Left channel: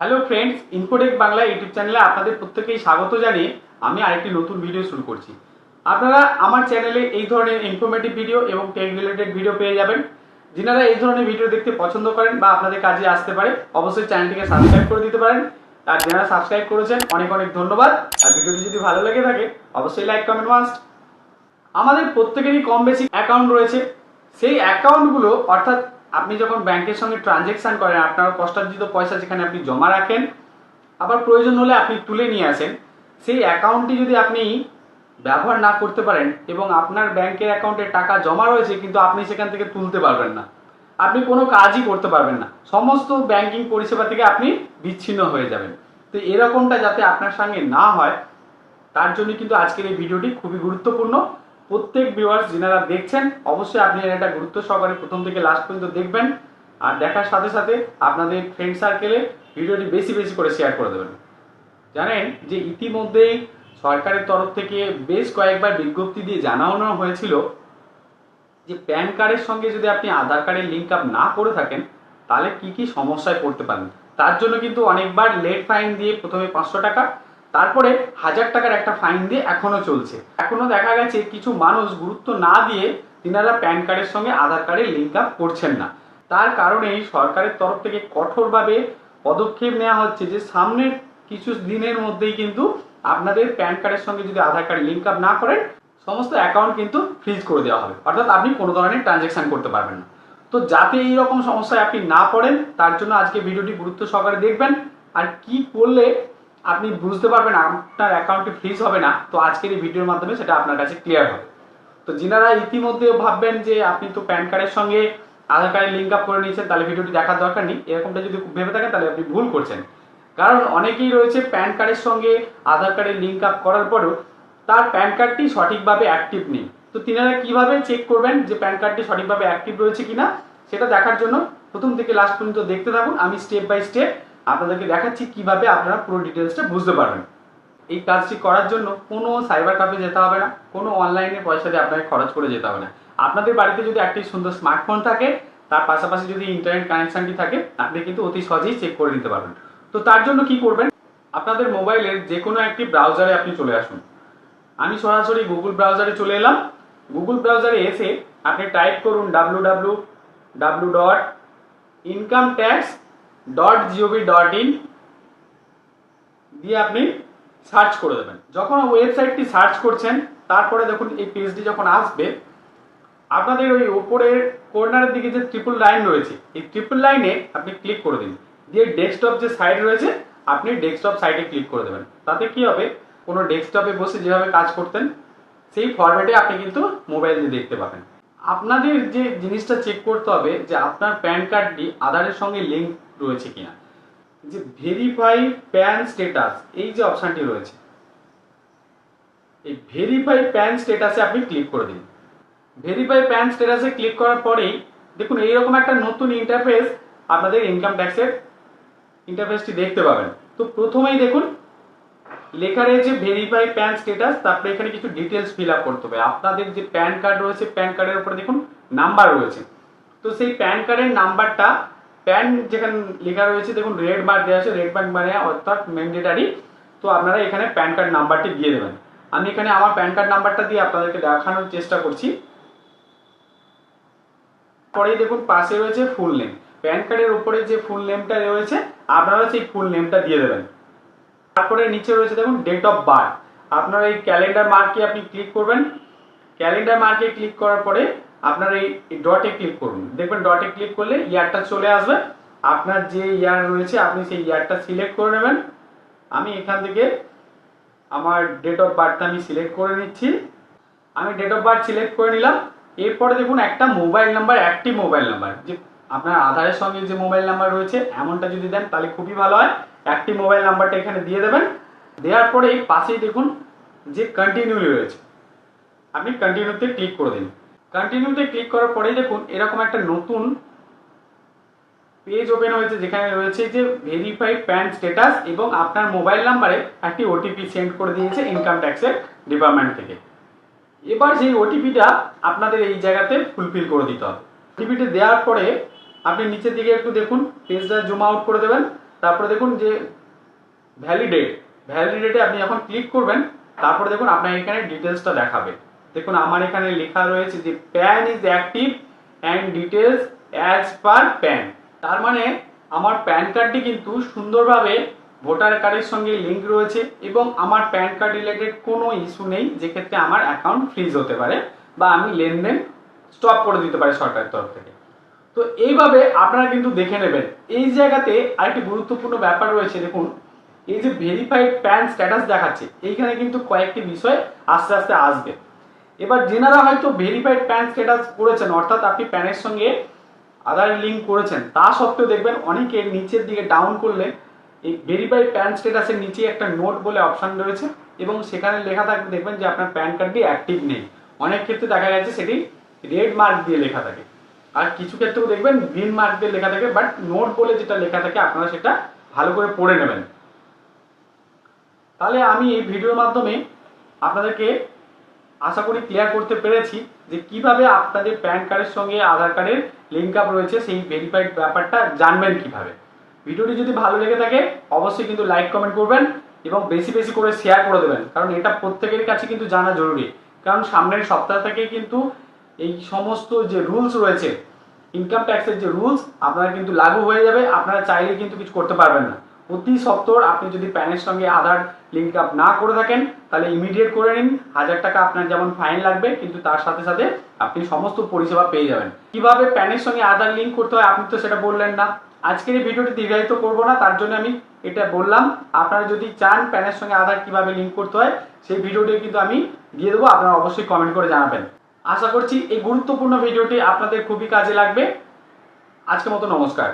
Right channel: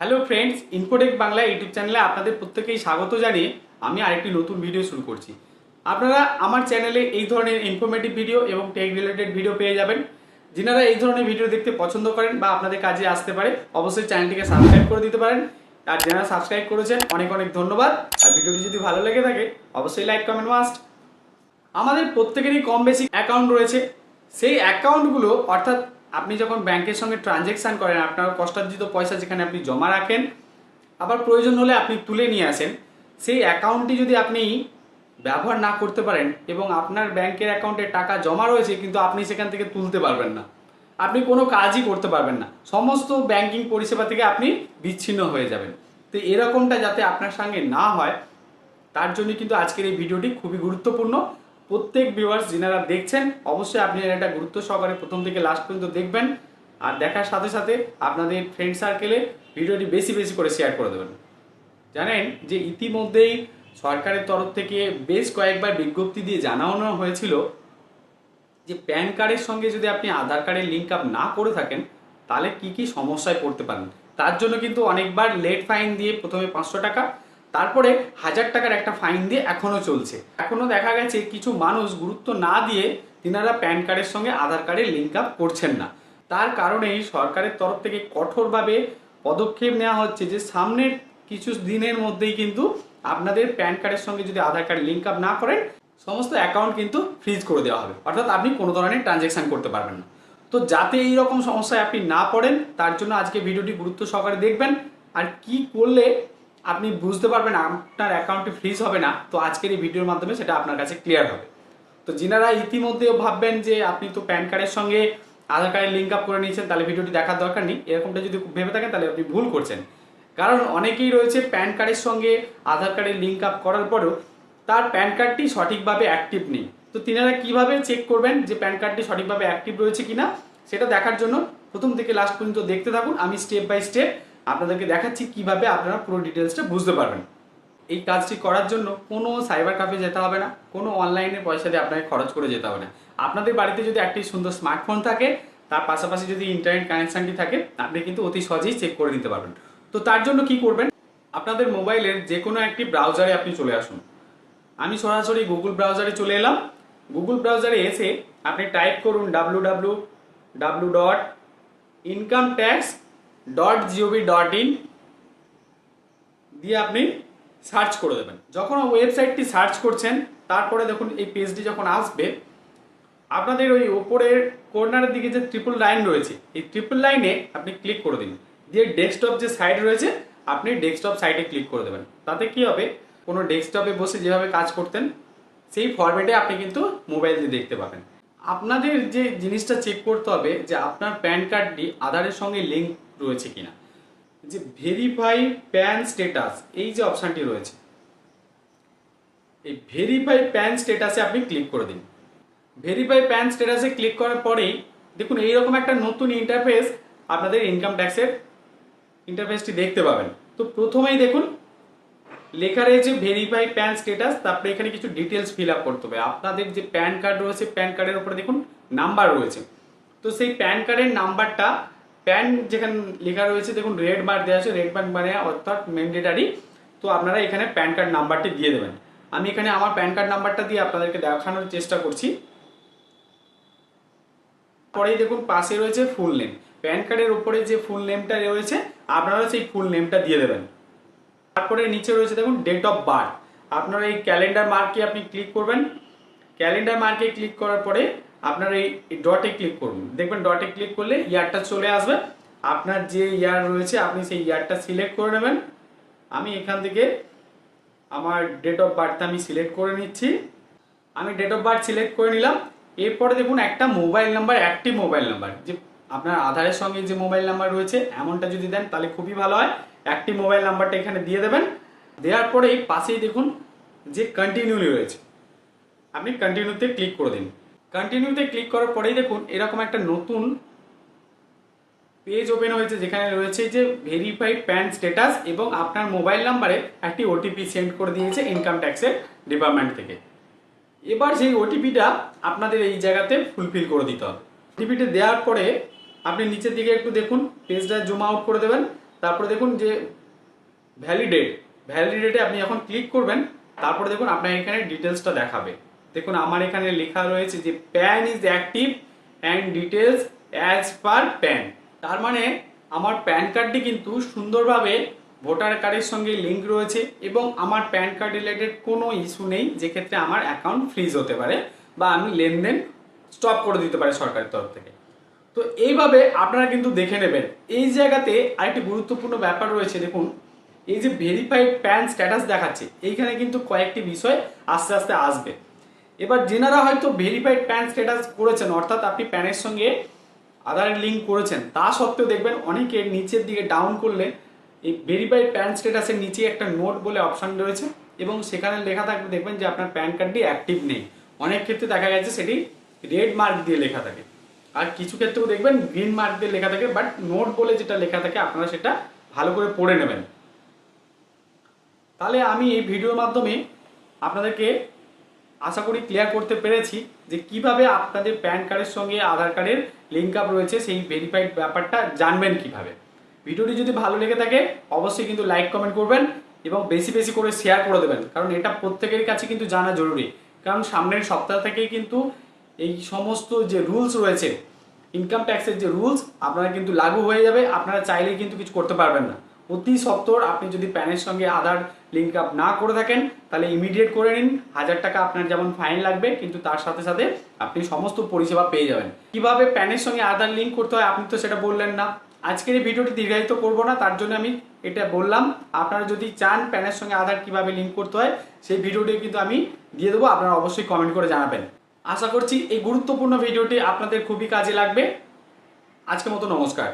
Hello friends Infotech Bangla YouTube চ্যানেলে আপনাদের প্রত্যেকেই স্বাগত জানিয়ে আমি আরেকটি নতুন ভিডিও শুরু করছি। আপনারা আমার চ্যানেলে এই ধরনের ইনফরমেটিভ ভিডিও এবং টেক রিলেটেড ভিডিও পেয়ে যাবেন। যিনারা এই ধরনের ভিডিও দেখতে পছন্দ করেন বা আপনাদের কাজে আসতে পারে, অবশ্যই চ্যানেলটিকে সাবস্ক্রাইব করে দিতে পারেন। আর যারা সাবস্ক্রাইব করেছেন, অনেক অনেক ধন্যবাদ। আর ভিডিওটি যদি ভালো লেগে থাকে, অবশ্যই লাইক কমেন্ট মাস্ট আমাদের প্রত্যেকেরই কম বেশি অ্যাকাউন্ট রয়েছে। সেই অ্যাকাউন্টগুলো অর্থাৎ আপনি যখন ব্যাংকের সঙ্গে ট্রানজ্যাকশান করেন, আপনার কষ্টার্জিত পয়সা যেখানে আপনি জমা রাখেন, আবার প্রয়োজন হলে আপনি তুলে নিয়ে আসেন, সেই অ্যাকাউন্টটি যদি আপনি ব্যবহার না করতে পারেন এবং আপনার ব্যাংকের অ্যাকাউন্টে টাকা জমা রয়েছে, কিন্তু আপনি সেখান থেকে তুলতে পারবেন না। আপনি কোনো কাজই করতে পারবেন না। সমস্ত ব্যাংকিং পরিষেবা থেকে আপনি বিচ্ছিন্ন হয়ে যাবেন। তো এরকমটা যাতে আপনার সঙ্গে না হয়, তার জন্য কিন্তু আজকের এই ভিডিওটি খুবই গুরুত্বপূর্ণ। প্রত্যেক ভিউয়ার্স যিনারা দেখছেন, অবশ্যই আপনি এটা গুরুত্ব সহকারে প্রথম থেকে লাস্ট পর্যন্ত দেখবেন। আর দেখার সাথে সাথে আপনাদের ফ্রেন্ড সার্কেলে ভিডিওটি বেশি বেশি করে শেয়ার করে দেবেন। জানেন যে ইতিমধ্যেই সরকারের তরফ থেকে বেশ কয়েকবার বিজ্ঞপ্তি দিয়ে জানানো হয়েছিল যে প্যান কার্ডের সঙ্গে যদি আপনি আধার কার্ডের লিঙ্ক আপ না করে থাকেন, তাহলে কি কি সমস্যায় পড়তে পারেন? তার জন্য কিন্তু অনেকবার লেট ফাইন দিয়ে প্রথমে পাঁচশো টাকা তারপরে হাজার টাকার একটা ফাইন দিয়ে এখনও চলছে। এখনও দেখা গেছে কিছু মানুষ গুরুত্ব না দিয়ে তিনারা প্যান কার্ডের সঙ্গে আধার কার্ডের লিঙ্ক আপ করছেন না। তার কারণেই সরকারের তরফ থেকে কঠোরভাবে পদক্ষেপ নেওয়া হচ্ছে যে সামনের কিছু দিনের মধ্যেই কিন্তু আপনাদের প্যান কার্ডের সঙ্গে যদি আধার কার্ড লিঙ্ক আপ না করেন, সমস্ত অ্যাকাউন্ট কিন্তু ফ্রিজ করে দেওয়া হবে। অর্থাৎ আপনি কোনো ধরনের ট্রানজ্যাকশান করতে পারবেন না। তো যাতে এই রকম সমস্যায় আপনি না পড়েন, তার জন্য আজকে ভিডিওটি গুরুত্ব সহকারে দেখবেন। আর কি করলে আপনি বুঝতে পারবেন আপনার অ্যাকাউন্টটি ফ্রিজ হবে না, তো আজকের এই ভিডিওর মাধ্যমে সেটা আপনার কাছে ক্লিয়ার হবে। তো যিনারা ইতিমধ্যে ভাববেন যে আপনি তো প্যান কার্ডের সঙ্গে আধার কার্ডের লিঙ্ক আপ করে নিয়েছেন, তাহলে ভিডিওটি দেখার দরকার নেই। এরকমটা যদি ভেবে থাকেন, তাহলে আপনি ভুল করছেন। কারণ অনেকেই রয়েছে প্যান কার্ডের সঙ্গে আধার কার্ডের লিঙ্ক আপ করার পরেও তার প্যান কার্ডটি সঠিকভাবে অ্যাক্টিভ নেই। তো তিনারা কীভাবে চেক করবেন যে প্যান কার্ডটি সঠিকভাবে অ্যাক্টিভ রয়েছে কিনা, সেটা দেখার জন্য প্রথম থেকে লাস্ট পর্যন্ত দেখতে থাকুন। আমি স্টেপ বাই স্টেপ আপনাদেরকে দেখাচ্ছি কীভাবে আপনারা পুরো ডিটেলসটা বুঝতে পারবেন। এই কাজটি করার জন্য কোনো সাইবার ক্যাফে যেতে হবে না, কোনো অনলাইনে পয়সা দিয়ে আপনাকে খরচ করে যেতে হবে না। আপনাদের বাড়িতে যদি একটি সুন্দর স্মার্টফোন থাকে, তার পাশাপাশি যদি ইন্টারনেট কানেকশানটি থাকে, আপনি কিন্তু অতি সহজেই চেক করে নিতে পারবেন। তো তার জন্য কি করবেন? আপনাদের মোবাইলের যে কোনো একটি ব্রাউজারে আপনি চলে আসুন। আমি সরাসরি গুগল ব্রাউজারে চলে এলাম। গুগল ব্রাউজারে এসে আপনি টাইপ করুন W W W dot income tax dot G O V dot in দিয়ে আপনি সার্চ করে দেবেন। যখন ওয়েবসাইটটি সার্চ করছেন, তারপরে দেখুন এই পেজটি যখন আসবে, আপনাদের ওই ওপরের কর্নারের দিকে যে ট্রিপল লাইন রয়েছে, এই ট্রিপল লাইনে আপনি ক্লিক করে দিন। দিয়ে ডেস্কটপ যে সাইড রয়েছে, আপনি ডেস্কটপ সাইডে ক্লিক করে দেবেন। তাতে কি হবে? কোনো ডেস্কটপে বসে যেভাবে কাজ করতেন, সেই ফরম্যাটে আপনি কিন্তু মোবাইল দিয়ে দেখতে পাবেন। আপনাদের যে জিনিসটা চেক করতে হবে, যে আপনার প্যান কার্ডটি আধারের সঙ্গে লিঙ্ক রয়েছে কিনা। যে ভেরিফাই প্যান স্টেটাস এই যে অপশানটি রয়েছে, এই ভেরিফাই প্যান স্টেটাসে আপনি ক্লিক করে দিন। ভেরিফাই প্যান স্টেটাসে ক্লিক করার পরেই দেখুন, এইরকম একটা নতুন ইন্টারফেস আপনাদের ইনকাম ট্যাক্সের ইন্টারফেসটি দেখতে পাবেন। তো প্রথমেই দেখুন, লেখা রয়েছে ভেরিফাই প্যান স্টেটাস তারপরে এখানে কিছু ডিটেলস ফিল আপ করতে হবে। আপনাদের যে প্যান কার্ড রয়েছে প্যান কার্ডের উপরে দেখুন নাম্বার রয়েছে। তো সেই প্যান কার্ডের নাম্বারটা প্যান যেখানে লেখা রয়েছে, দেখুন রেড বার দেওয়া আছে রেড বার মানে অর্থাৎ ম্যান্ডেটারি তো আপনারা এখানে প্যান কার্ড নাম্বারটি দিয়ে দেবেন। আমি এখানে আমার প্যান কার্ড নাম্বারটা দিয়ে আপনাদেরকে দেখানোর চেষ্টা করছি। পরেই দেখুন, পাশে রয়েছে ফুল নেম প্যান কার্ডের উপরে যে ফুল নেমটা রয়েছে আপনারা সেই ফুল নেমটা দিয়ে দেবেন। তারপরে নিচে রয়েছে, দেখুন ডেট অফ বার্থ আপনারা এই ক্যালেন্ডার মার্কে আপনি ক্লিক করবেন। ক্যালেন্ডার মার্কে ক্লিক করার পরে আপনার এই ডটে ক্লিক করুন। দেখবেন ডটে ক্লিক করলে ইয়ারটা চলে আসবে। আপনার যে ইয়ার রয়েছে, আপনি সেই ইয়ারটা সিলেক্ট করে নেবেন। আমি এখান থেকে আমার ডেট অফ বার্থটা আমি সিলেক্ট করে নিচ্ছি। আমি ডেট অফ বার্থ সিলেক্ট করে নিলাম। এরপরে দেখুন, একটা মোবাইল নাম্বার একটি মোবাইল নাম্বার যে আপনার আধারের সঙ্গে যে মোবাইল নাম্বার রয়েছে, এমনটা যদি দেন, তাহলে খুবই ভালো হয়। একটি মোবাইল নাম্বারটা এখানে দিয়ে দেবেন। দেওয়ার পরে এই পাশেই দেখুন, যে কন্টিনিউলি রয়েছে। আপনি কন্টিনিউতে ক্লিক করে দিন। কন্টিনিউতে ক্লিক করার পরেই দেখুন, এরকম একটা নতুন পেজ ওপেন হয়েছে যেখানে রয়েছে যে ভেরিফাইড প্যান স্ট্যাটাস এবং আপনার মোবাইল নাম্বারে একটি ওটিপি সেন্ড করে দিয়েছে ইনকাম ট্যাক্সের ডিপার্টমেন্ট থেকে। এবার সেই ওটিপিটা আপনাদের এই জায়গাতে ফুলফিল করে দিতে হবে। ওটিপিটা দেওয়ার পরে আপনি নিচের দিকে একটু দেখুন পেজটা জুম আউট করে দেবেন। তারপরে দেখুন যে ভ্যালিডেট ভ্যালিডেটে আপনি যখন ক্লিক করবেন, তারপরে দেখুন আপনার এখানে ডিটেলসটা দেখাবে। দেখুন, আমার এখানে লেখা রয়েছে যে PAN is active and details as per PAN তার মানে আমার প্যান কার্ডটি কিন্তু সুন্দরভাবে ভোটার কার্ডের সঙ্গে লিঙ্ক রয়েছে এবং আমার প্যান কার্ড রিলেটেড কোনো ইস্যু নেই যেক্ষেত্রে আমার অ্যাকাউন্ট ফ্রিজ হতে পারে বা আমি লেনদেন স্টপ করে দিতে পারি সরকারের তরফ থেকে। তো এইভাবে আপনারা কিন্তু দেখে নেবেন। এই জায়গাতে আরেকটি গুরুত্বপূর্ণ ব্যাপার রয়েছে, দেখুন, এই যে ভেরিফাইড প্যান স্ট্যাটাস দেখাচ্ছে, এইখানে কিন্তু কয়েকটি বিষয় আস্তে আস্তে আসবে। এবার যেনারা হয়তো ভেরিফাইড প্যান স্ট্যাটাস করেছেন, অর্থাৎ আপনি প্যানের সঙ্গে আধার লিঙ্ক করেছেন, তা সত্ত্বেও দেখবেন অনেকে নিচের দিকে ডাউন করলে এই ভেরিফাইড প্যান স্ট্যাটাসের নিচে একটা নোট বলে অপশান রয়েছে এবং সেখানে লেখা থাকবে, দেখবেন যে আপনার প্যান কার্ডটি অ্যাক্টিভ নেই। অনেক ক্ষেত্রে দেখা গেছে সেটি রেড মার্ক দিয়ে লেখা থাকে। আর কিছু ক্ষেত্রেও দেখবেন গ্রিন মার্ক দিয়ে লেখা থাকে বাট নোট বলে যেটা লেখা থাকে, আপনারা সেটা ভালো করে পড়ে নেবেন। তাহলে আমি এই ভিডিওর মাধ্যমে আপনাদেরকে আশা করি ক্লিয়ার করতে পেরেছি যে কীভাবে আপনাদের প্যান কার্ডের সঙ্গে আধার কার্ডের লিঙ্ক আপ রয়েছে, সেই ভেরিফাইড ব্যাপারটা জানবেন কীভাবে। ভিডিওটি যদি ভালো লেগে থাকে, অবশ্যই কিন্তু লাইক কমেন্ট করবেন এবং বেশি বেশি করে শেয়ার করে দেবেন, কারণ এটা প্রত্যেকের কাছে কিন্তু জানা জরুরি। কারণ সামনের সপ্তাহ থেকে কিন্তু এই সমস্ত যে রুলস রয়েছে ইনকাম ট্যাক্সের যে রুলস আপনারা কিন্তু লাগু হয়ে যাবে, আপনারা চাইলে কিন্তু কিছু করতে পারবেন না। অতি সত্তর আপনি যদি প্যানের সঙ্গে আধার লিঙ্ক আপ না করে থাকেন, তাহলে ইমিডিয়েট করে নিন। হাজার টাকা আপনার যেমন ফাইন লাগবে, কিন্তু তার সাথে সাথে আপনি সমস্ত পরিষেবা পেয়ে যাবেন। কীভাবে প্যানের সঙ্গে আধার লিঙ্ক করতে হয় আপনি তো সেটা বললেন না। আজকের এই ভিডিওটি দীর্ঘায়িত করব না, তার জন্য আমি এটা বললাম। আপনারা যদি চান প্যানের সঙ্গে আধার কীভাবে লিঙ্ক করতে হয়, সেই ভিডিওটি কিন্তু আমি দিয়ে দেবো, আপনারা অবশ্যই কমেন্ট করে জানাবেন। আশা করছি এই গুরুত্বপূর্ণ ভিডিওটি আপনাদের খুবই কাজে লাগবে। আজকের মতো নমস্কার।